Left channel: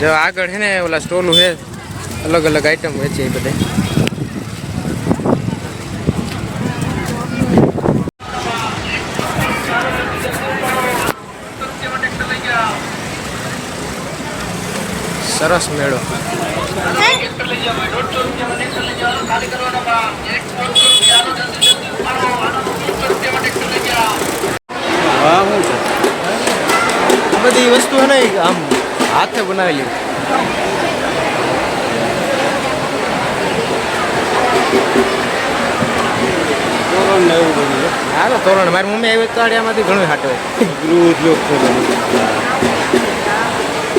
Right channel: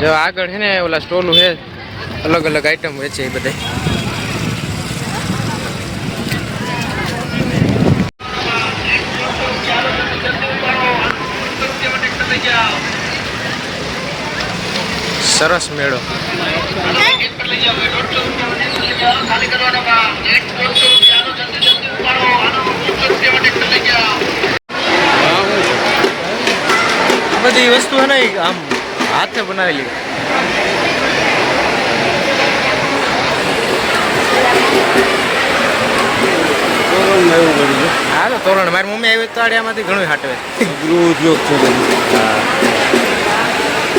જો આગળ છે ને ઓલા સ્ટોલું છે, અલગ અલગ આઈટમ વેચે એ બધા. સરસ મેળો. આ બધી વસ્તુ છે ને આમ હાથે બનાવેલી. હા તો તોરણ મારી મમ્મી આવી તો આડિયામાંથી ઘણું હાટવે.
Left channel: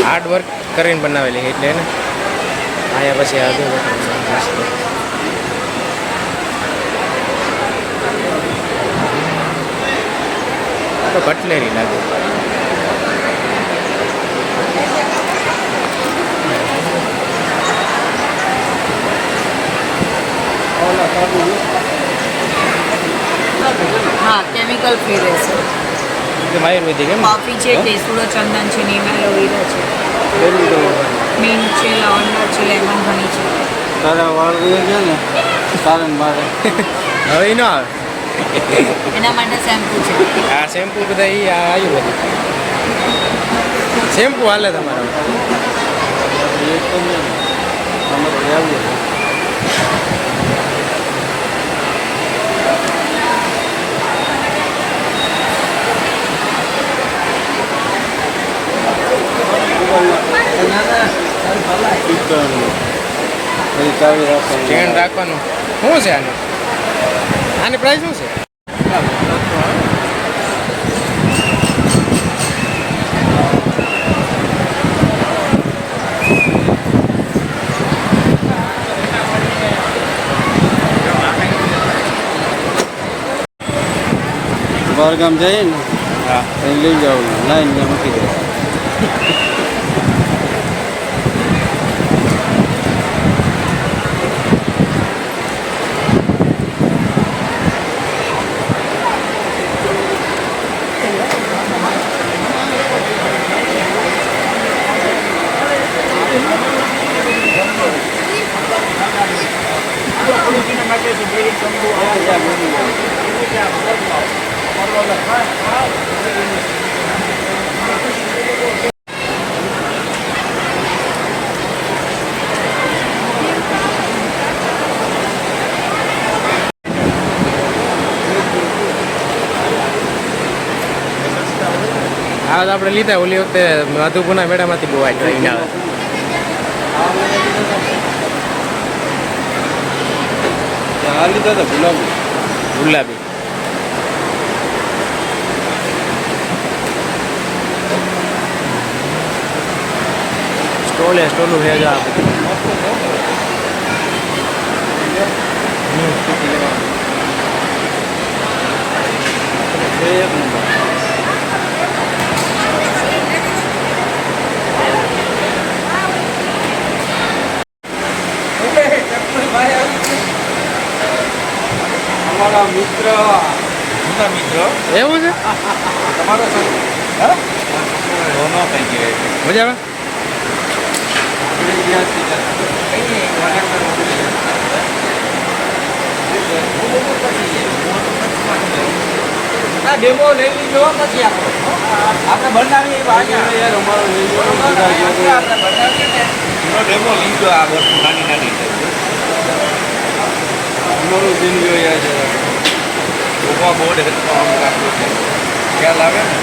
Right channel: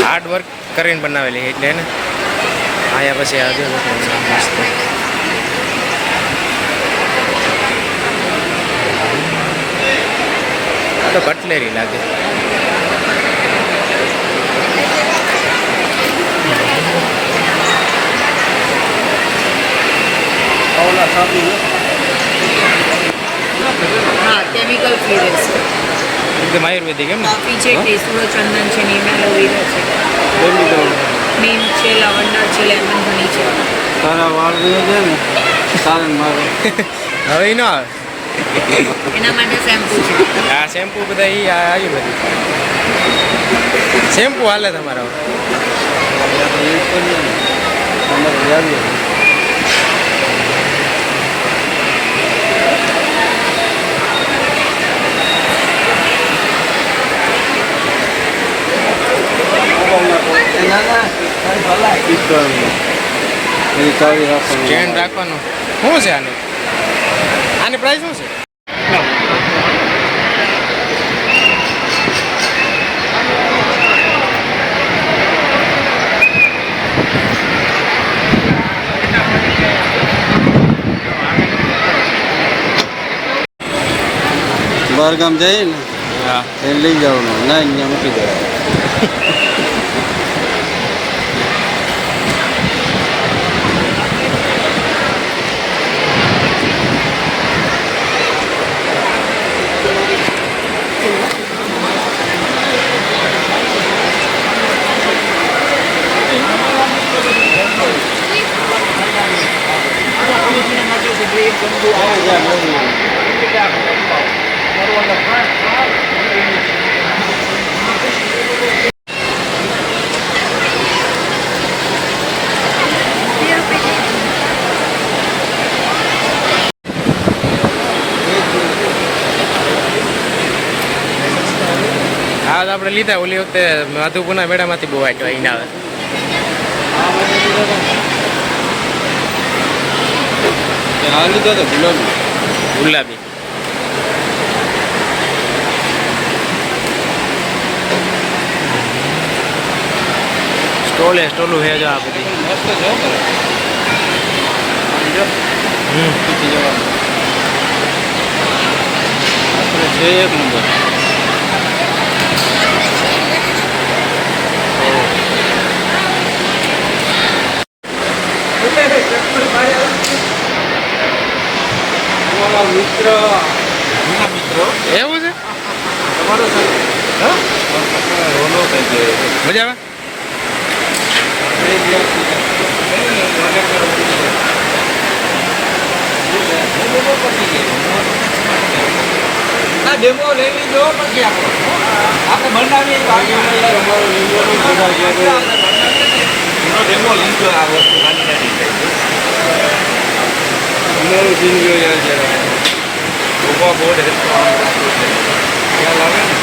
હાર્ડ વર્ક કરીને બનાવેલી એટલે ને અહીંયા પછી આ જો મસ્ત. આ તો કટલેરી લાગે. हाँ केमिकल फ्री રહેશે એકદમ આયુર્વેદિક એમ. કોફી છે, કેસુરો ચંદન છે, નીમ એલોવેરા છે, નીમ છે, લવંડા છે, લેમન હની છે. તારા વાળ છે ને સારન મારે હવે ન આવે. એના માટે શેમ્પૂ છે. આ શેમ્પુ બધા એ આયુર્વેદિક શેમ્પુ હાલે તમારા. સ્ટેન્ડ રાખવાનું શું છે આને? આની પ્રાઇસ શું છે? બહાર ગામ જઈએ ને હા એ લઈ જવાનું લાઈન ને મૂકી દેવાનું. હા તો આપણે લીધા ઓલી વખતે માધુપુરના મેળામાંથી બહુ આઈટમ અહીં આવે. ગુલાબી સ્ટોલું છે જો આ બધી. અમારા મિત્ર એવું છે. મજા આવે. ડેમો લઈ લીધો પછી આપણે બનાવીએ ડેમો લીધો. આ વસ્તુ નાની નાની અમારું જિંદગી છે ઉભા બોર્ડ ખ્યાલ આવે ને.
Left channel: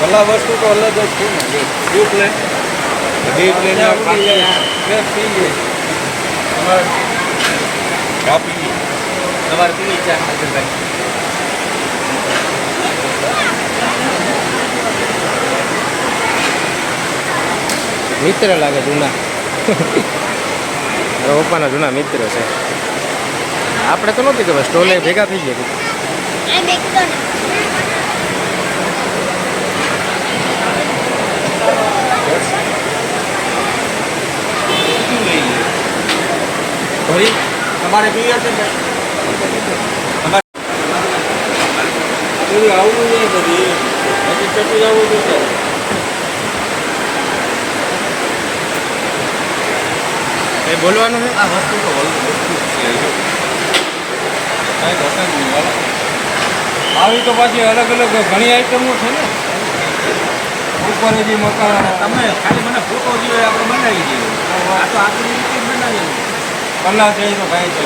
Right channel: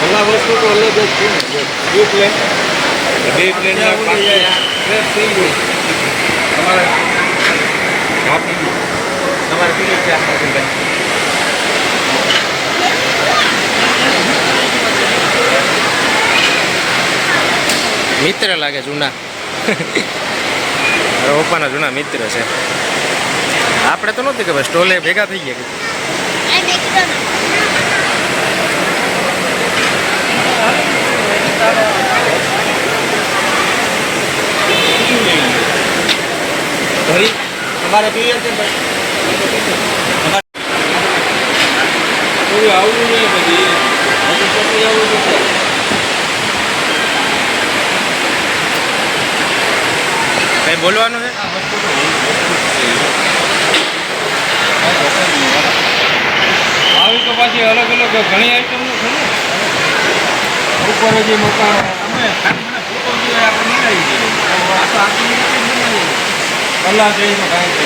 ભલા વસ્તુ તો અલગ જ છે ને. બે પ્લેન તમારે ચા પીવી તમારે પીવી ચા મિત્ર લાગે જૂના. મારા પપ્પાના જૂના મિત્ર છે. આપણે તો નહોતી ખબર સ્ટોલે ભેગા થઈ ગયા. ભાઈ તમારે ક્લિયર છે ભાઈ થોડી આવડું નહીં બધી હજી ચટણી આવડું છે કઈ બોલવાનું છે આ વસ્તુ તો આવી તો પાછી અલગ અલગ ઘણી આઈટમો છે ને ઉપર જે મકાન તમે ખાલી મને ફોટો જોઈએ આપણે બનાવી દઈએ આ તો આખી રીતે જ બનાવી કલા છે તો કાંઈ છે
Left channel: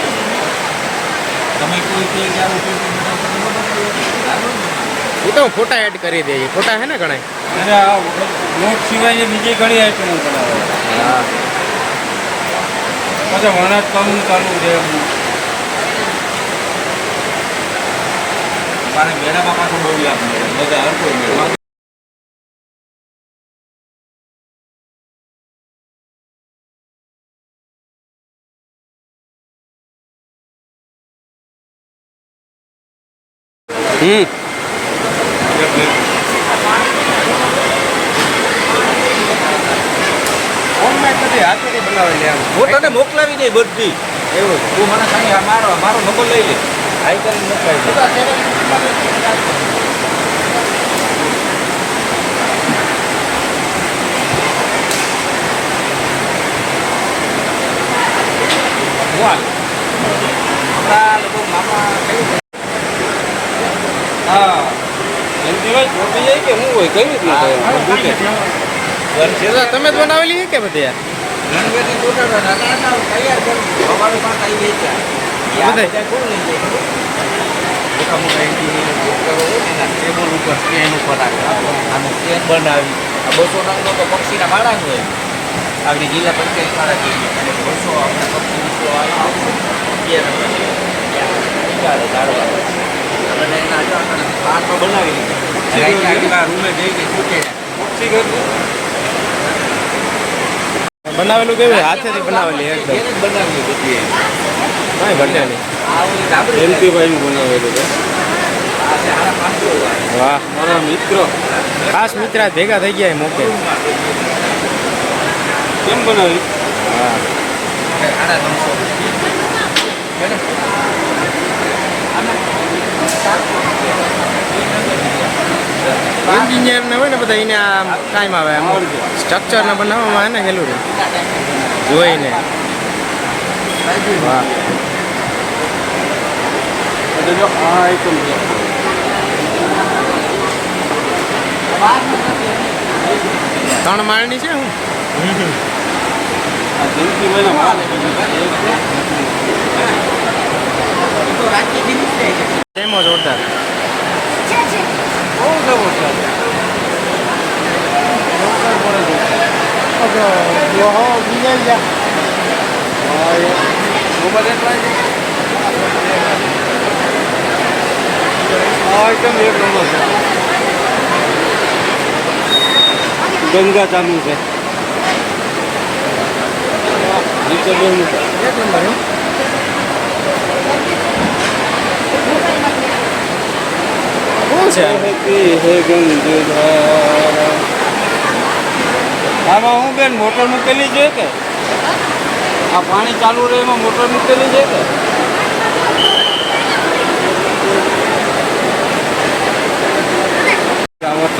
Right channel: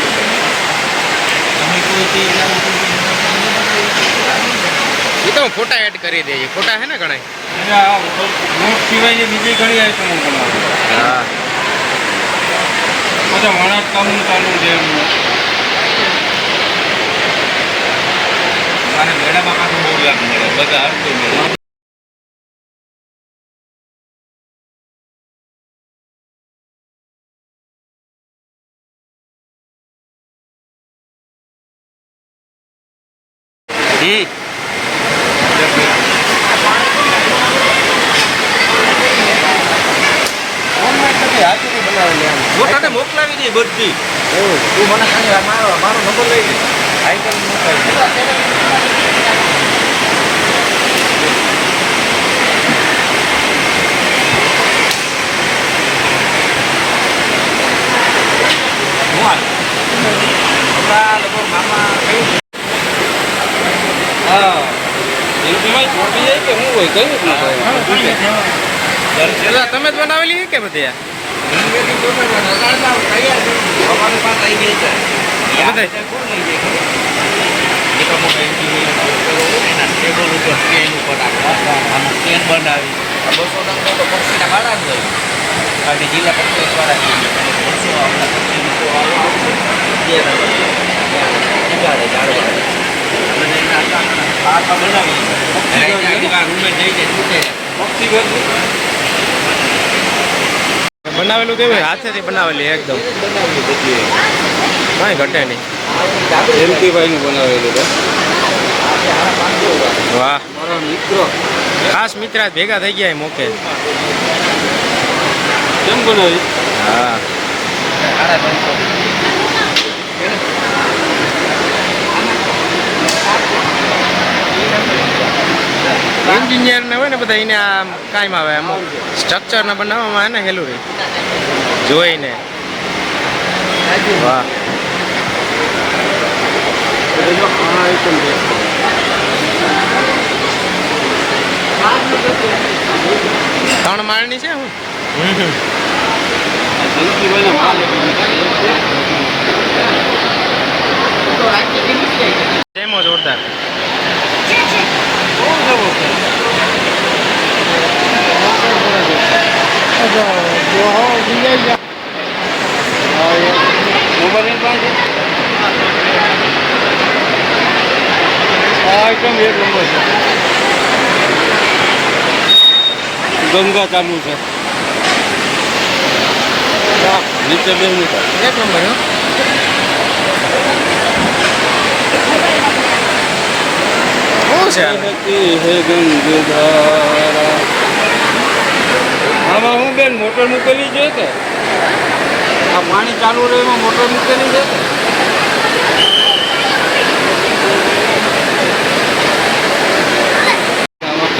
તમે કોઈ ચીજ આવું એ તો હું ફોટા એડ કરી દઈએ ફોટા છે ને ઘણા અને આ નોટ સિવાયની બીજી ઘણી આઈટમો બનાવે હા પછી વણાટ કામ ચાલુ છે મારે મેળામાં પાછું બહુ લાભ મળે બધા હર કોઈ મેળા હું તને મોકલાવી દઈ બધી એવું તું મને ખાલી મારો નંબર લઈ લે આઈટમ મોકલાવી હા એમ કહેવાય છોડી જાય કે હું હોય કઈ રીતના પેલા તમે જ બનાવેલી છે કે બધી આ? રંગેથી તૈયાર અમારે પાસે આવી ગઈ છે બધા કોણ લઈ જાય એક અમુક એન્ટીવીને પોસ્ટરો હોય ને એના ટેબલ ઉપર સ્ટેન્ડ ઉપર આમાં સ્ટેન્ડ બનાવી 200 ટકા તો પક્ષીના ગાળા જ હોય આપણી જિલ્લા પક્ષી દ્વારા અને વર્ષો આપણે પક્ષી વિશે આવશે હાથમાં બનાવી રૂમે જઈ જાય પક્ષી બનાવેલું કેવું હાથેથી બનાવેલી એકદમ બનાવી બધી કાંઈ ઘટે નહીં એમકેભાઈનું બનાવેલું છે વાહ મારા મિત્રો ખાસ મિત્ર આજ ભેગા થઈ ગયા એ મોકે કેમ બનાવી હા એન્જિનિયર ને હોય ને બધા એને આમ કાયમ આવે આમ સ્ટ્રક્ચર ને બનાવવામાં આવે ને હેલું રે જોઈને વાહ જો આ આઈટમ છે 3 માળની છે હું આ જંકીભાઈના માલ ડેમો જોરદાર બહુ જબરદસ્ત ગંગા ચાલુ છે નીચે બેસવું છે 1 નંબર હો શું છે હે ગંગાધારા આમાં હું બેન મોટર મૂકેલી છે કે આ પાણી ચાલુ રહે એમાં મોટર મૂકેલી છે કે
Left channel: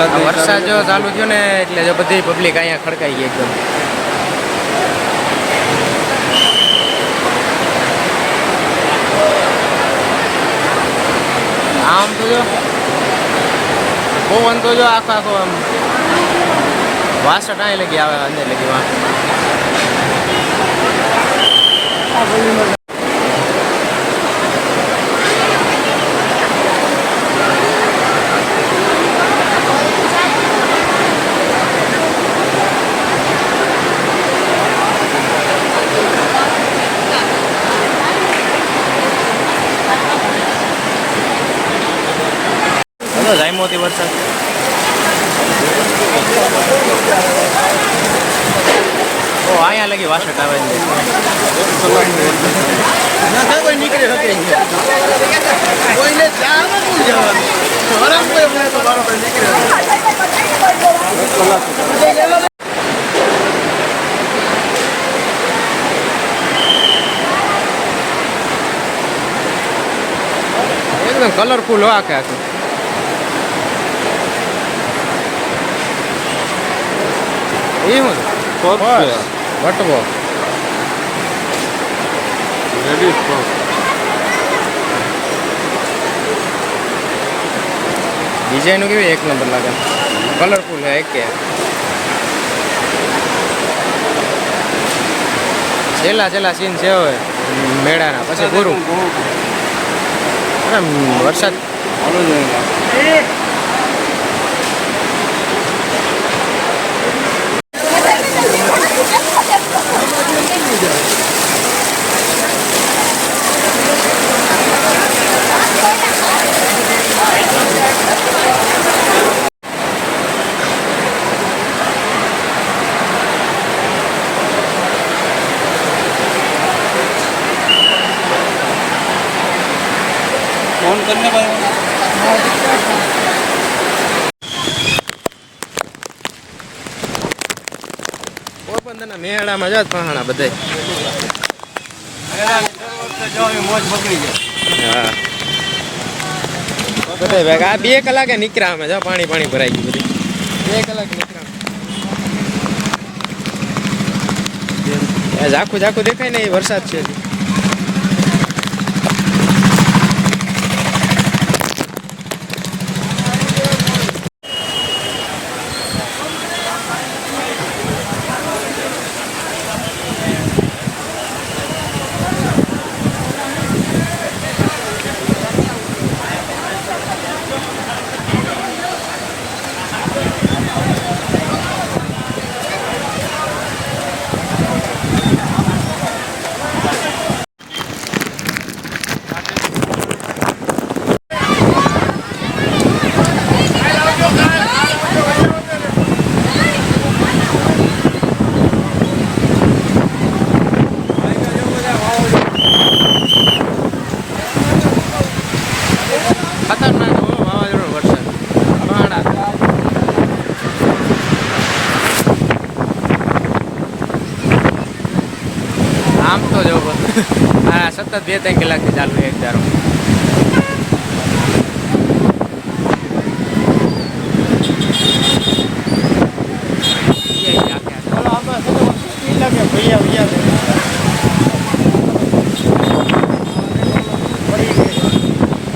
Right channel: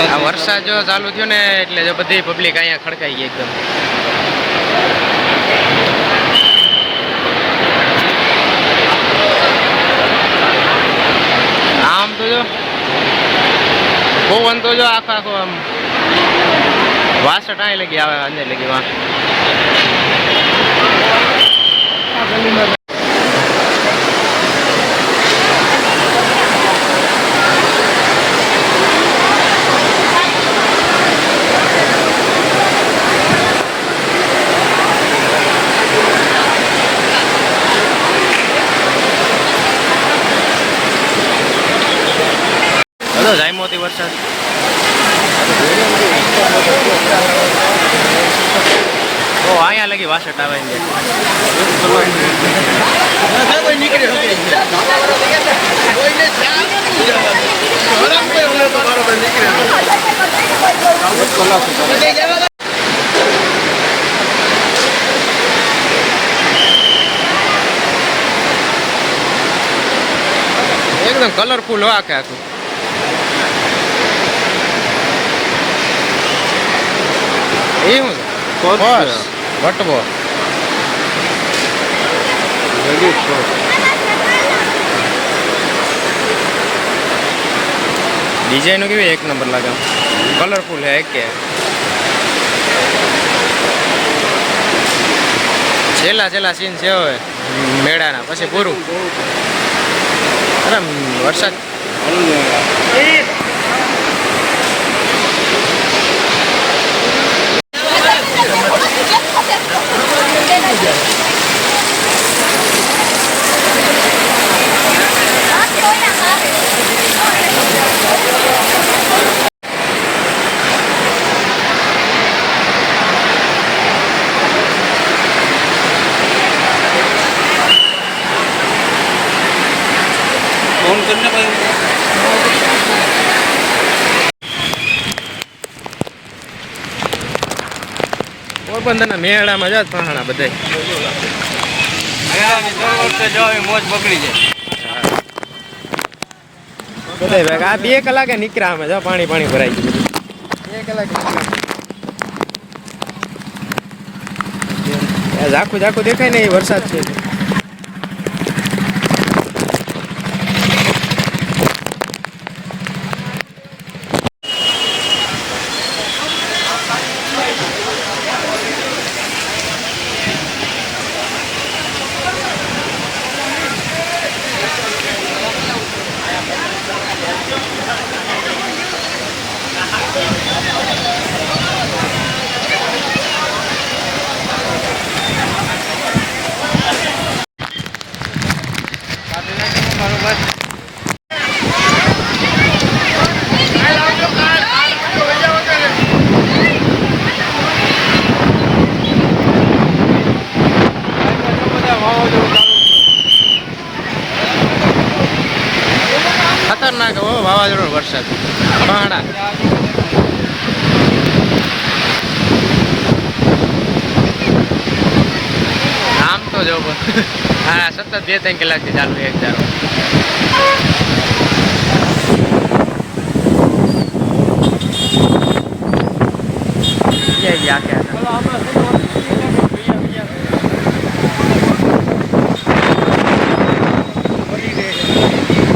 આ વરસાદ જો ચાલુ થયો ને એટલે જો બધી પબ્લિક અહીંયા ખડકાઈ ગઈ એકદમ આમ તો જો પવન તો જો આખો આમ વાસઠ અહીં લગી આવે અંદર લગી વાં બધો જાયમોતી વરસાદ ઓ અહીંયા લગી વાસઠ આવે ને એકદમ કલરફુલ હો આખે આખું. એ શું છે? પર્સ, વટવો. ડિઝાઇનો કેવી એક નંબર લાગે, કલરફુલ હે કે છેલ્લા સીન છે હવે મેળાના, પછી પૂરું. અરે વરસાદ ફોન કરીને ભાઈ પોરબંદરના મેળામાં જાત પહાણા બધાય. મોજ બગડી જાય. હા બધાય ભેગા. આ 2 કલાકે નીકળ્યા અમે, જો પાણી ભરાઈ ગયું બધું. 2 કલાકે નીકળ્યા. ઝાખું દેખાય ને, એ વરસાદ છે. ખતરનાક હો વાવાઝોડો વરસાદ, પહાડા. આમ તો જો હા સતત 2-3 કલાકથી ચાલુ એક ધારો.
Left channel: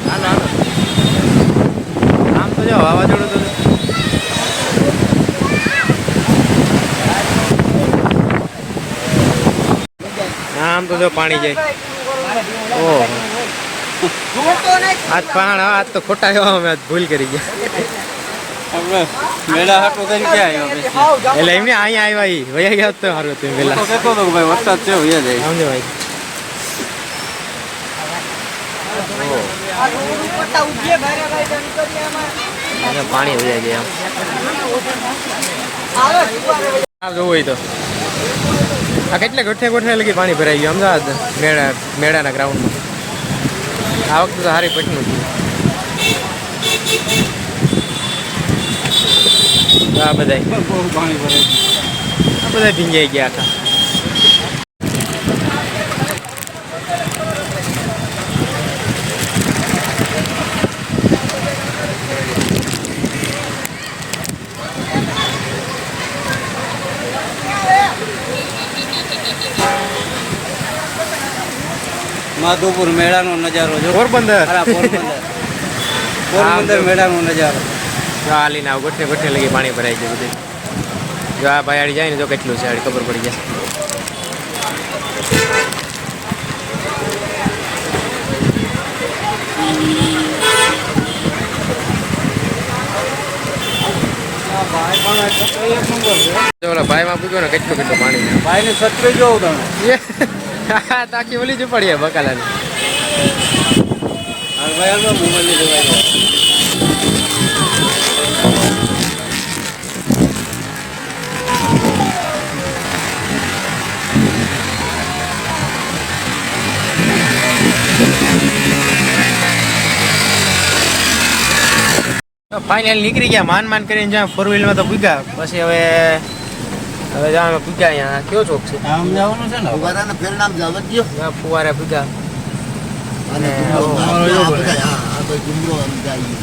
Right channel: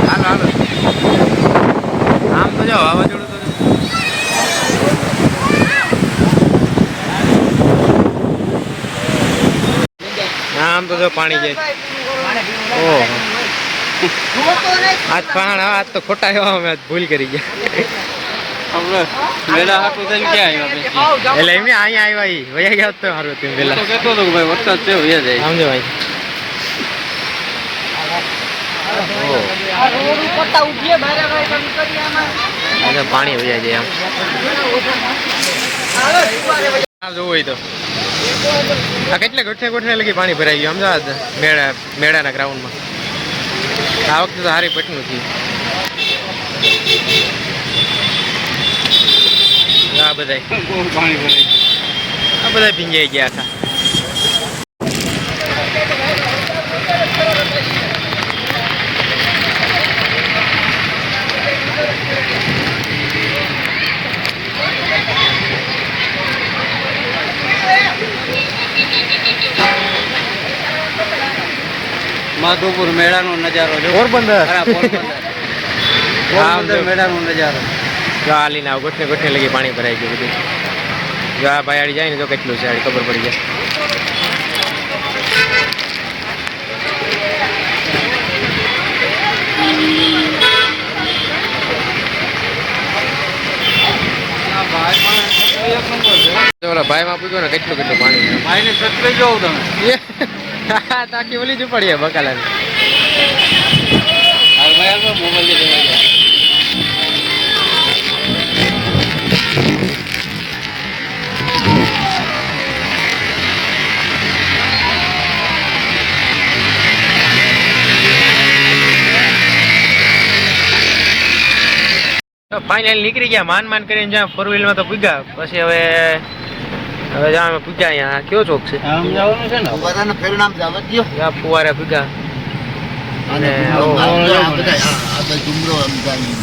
હાલો આમ તો જો વાવાઝોડું તો આમ તો જો પાણી જાય. ઓહો આજ પહાણ આજ તો ખોટા એવા અમે આજ ભૂલ કરી ગયા. મેળા હાટું થઈને ક્યાં આવ્યા પછી? એટલે એમને અહીંયા આવ્યા વયા ગયા તો સારું હતું પેલા. વરસાદ છે વયા જાય. સમજો ભાઈ. પાણી વયા જાય આમ જોવું હોય તો. આ કેટલા ગોઠે લગી પાણી ભરાઈ ગયું અમદાવાદ મેળાના ગ્રાઉન્ડમાં. આ વખતે તો સારી પટનું થયું. આ બધા બહુ પાણી ભરાઈ ગયું. આ બધા ભીંજાઈ ગયા આખા. માધવપુર મેળાનો નજારો છે. પોરબંદર પોરબંદર મેળાનો નજારો. જો આ લઈને આવ ગોઠને લગી પાણી ભરાઈ ગયું બધું. જો આ ભાઈ જાય ને તો કેટલું છે ખબર પડી જાય. ઓલા ભાઈમાં પૂછ્યો ને કેટલું પાણી. ભાઈને છત્રી જોઉં તમે. તાકી ઓલી જ પડીએ બકાલાની. મોબાઈલ જવાય. ફાઇનલ નીકળી ગયા માન કરીને જ્યાં 4 વ્હીલમાં તો પૂગ્યા. પછી હવે જ્યાં પૂગ્યા અહીંયા કયો ચોક છે આમ જવાનું છે ને ફુવારાના પરિણામ જવા દો. ફુવારા પૂગ્યા અને કઈ ડુંગરો આમ જાય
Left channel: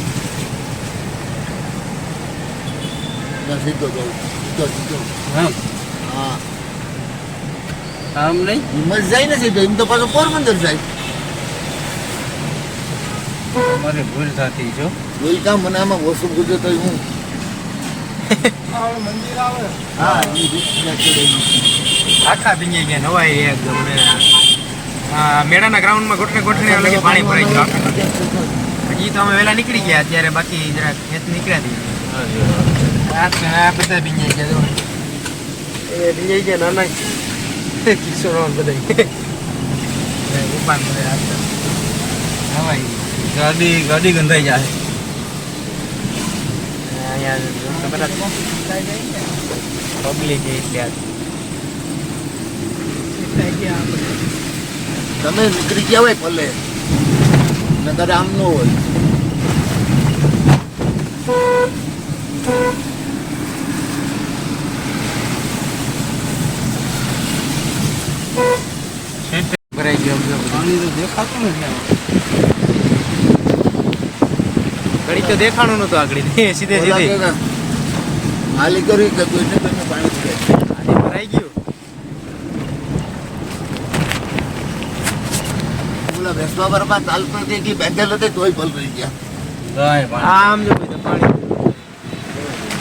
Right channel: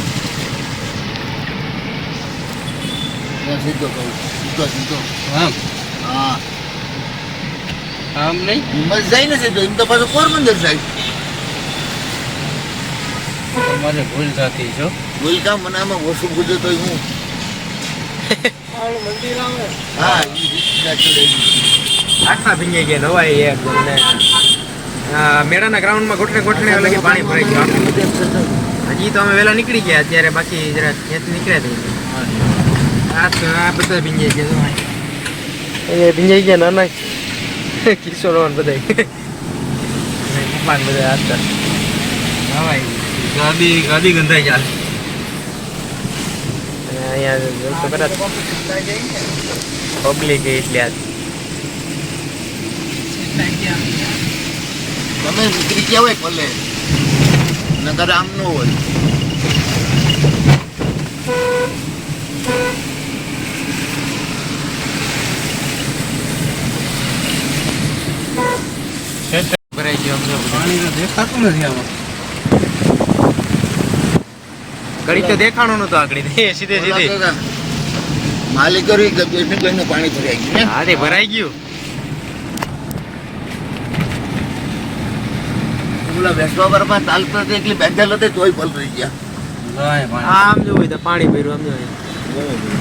સીધો સીધો સીધો હા હા આમ નહીં હિંમત જાય ને સીધો એમ તો પાછો પોરબંદર જાય તમારે ભૂલ થતી છો બોલ કામ મને આમાં ઓછું પૂછે તો હું હા આખા ભીંજાઈ ગયા નવાઈ એકદમ ને મેળાના ગ્રાઉન્ડમાં ગોઠણે લગી પાણી ભરાઈ ગયું હજી તો અમે વહેલા નીકળી ગયા અત્યારે બાકી જરા ખેત નીકળ્યા હતી આ બધા ભીંજાઈ ગયા એ ભીંજાઈ ગયા નાના કિશોરવાન બધા ઉપાન બધા હાથ નવાઈ ગાડી ગંધાઈ જાય અહીંયા તો કદાચ પબ્લિક એટલે આજ તમે નીકળી ગયા હોય ભલે નકર આમ ન હોય ભરાઈ ગયો સમજો પાણી તો દેખાતું નથી આમાં ઘડી તો દેખાણો નતો આગળ સીધે સીધે માલિક કર્યું કે કોઈને કોઈને પાણી ભરાઈ ગયું હા તે ભરાઈ ગયું ઓલા વેસવા બરમાં ચાલતો હતો એટલી બેંગલ હતી તોય ભલ રહી ગયા જાય પાણી આમ જો કોઈ તો પાણી ભર્યું આમ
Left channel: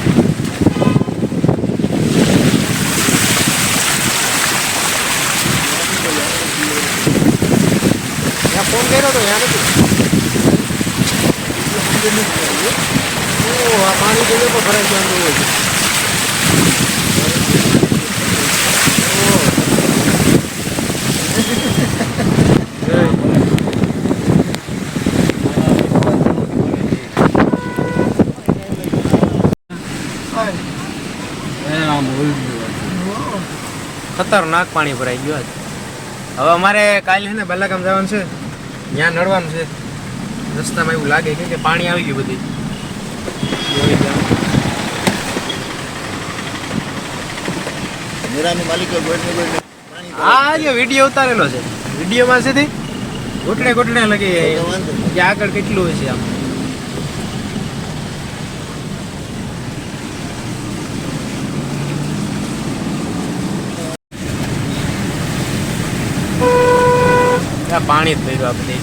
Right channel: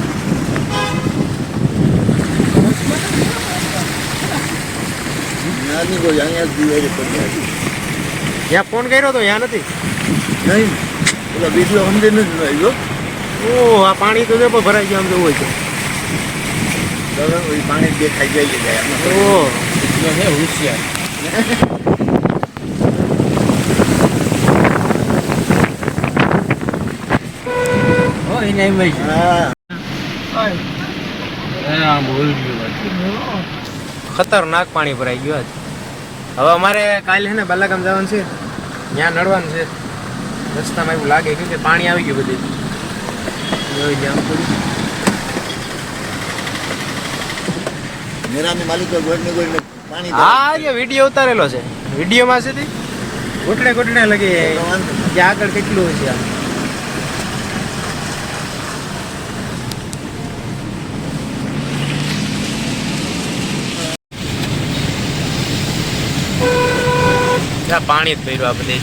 ત્યાંથી કોઈ અહીંયા જ જીવે છે. જ્યાં ફોન કર્યો તો ત્યાં નથી નહીં ઓલા વિડીયો અમને નથી આવ્યો ઓ આ પાણી તો પણ ભરાઈ ગયું આમ જોવું છે બરાબર પાણી દેખાઈ જાય છે ઓ હા ભૂલ ગયું ખતરનાક પાણી ભરાઈ ગયું આજ હવે અમારે કાલે છે ને બલ્લાગામ જવાનું છે ત્યાં નડવાનું છે રસ્તામાં એવું લાગે કેમ કે પાણી આવી ગયું બધું આવી ગયા આમ તો. મેરાની માલિકો ગોળને પાણી હા જે વિડીયો ઉતારેલો છે વિડીયોમાં છે તે ગોઠણે લગે કે આગળ કેટલું હોય છે આમ ત્યાં પાણી જ ભર્યું આ બધે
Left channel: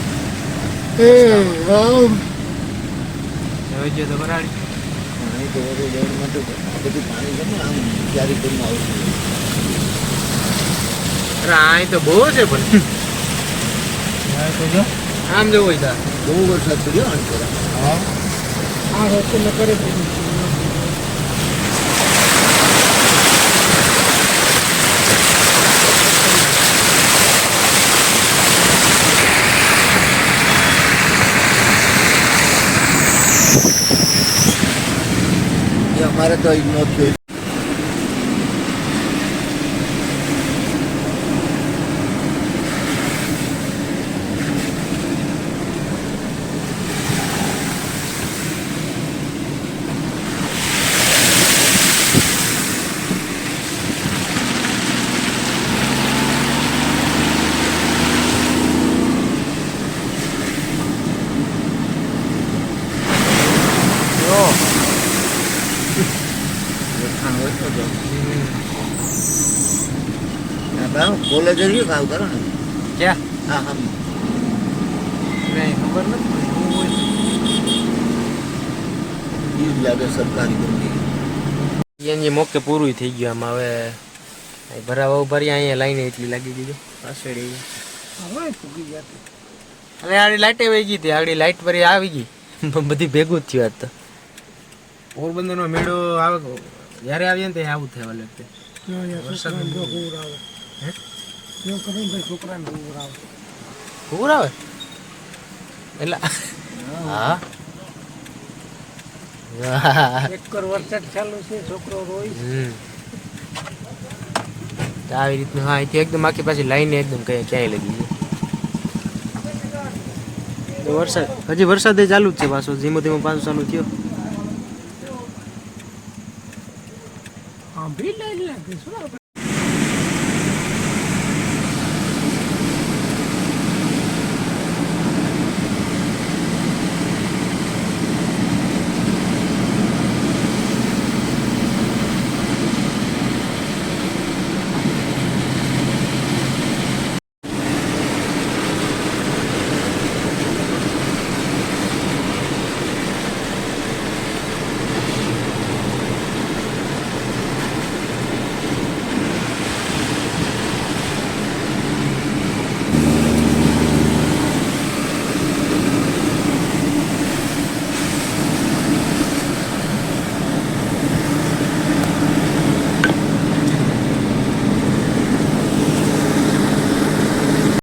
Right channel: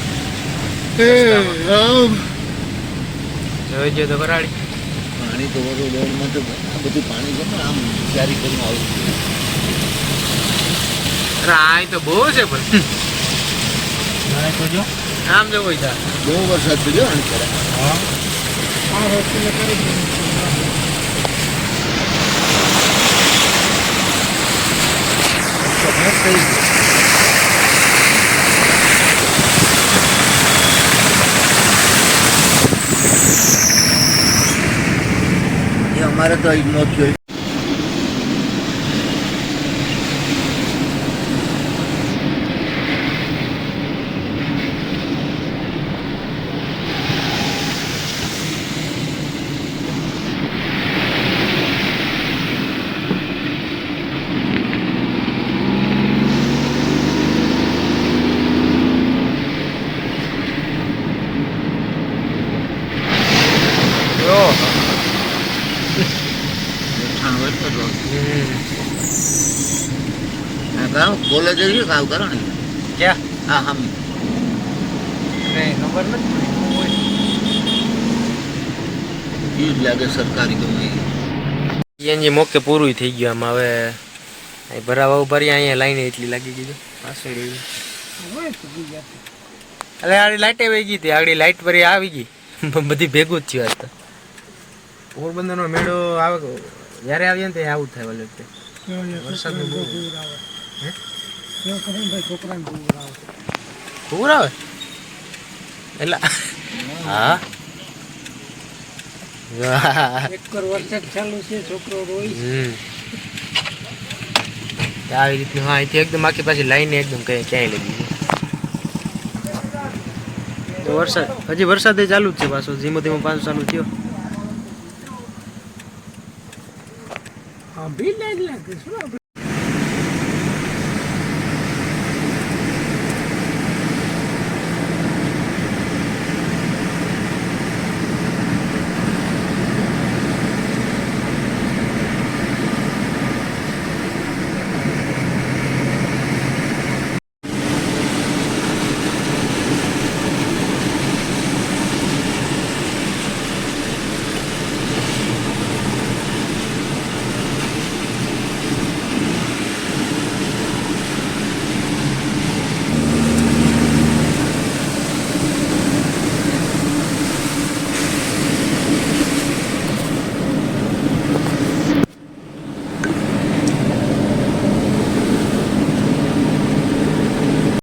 હવે જો તો ભરાડી પાણી તો બધું દોડમાં તો આ બધું પાણી છે ને આમ તૈયારી કરીને આવું અરે આ તો બહુ છે પણ આમ જો હોય તા બહુ વરસાદ પડ્યો અહીં ખરા. આ વસ્તુ મેં કરી દીધી એ અમારે તો ઇગ્નોર થયો ઓહો જઠાણ હોય તો ગામ કોલેજ રહ્યું કાવ કરો ને ક્યાં હા હમ કઈ ખબર નથી એ જ લાગે સરકારી ગમે સીએનજી મોકે પૂરું થઈ ગયું આમાં હવે અહીં ભરાવા ભરી અહીંયા લાઈને એટલી લાગી ગઈ પાછળ હવે પૂગી જતી અરે આડી લાઈટ વહી ગઈ હતી આગળ લાઈટ ભરી આવી ગઈ બધી ભેગું જ થયું આજ તો પોરબંદરનો મેળો આવે જ્યારે આવીએ ને ત્યાં આવું થાય વાલે વરસાદનું બહુ પૂર આવે હે એવું કરે ને ભાઈ છોકરાને પૂર આવે પૂર આવે એટલે હા વાહ. એક વરસાદ ચાલુ છે છોકરો રોઈ હમ તો આવી રીતનું હા અહીંથી એકદમ આખી પાછી લાઈને એકદમ ક્યાંય લગી ગઈ તો વરસાદ હજી વરસાદ ચાલુ જ છે પાછો ધીમો ધીમો પાછો ચાલુ થયો હા બી લાઈટ લાગે શું આપણે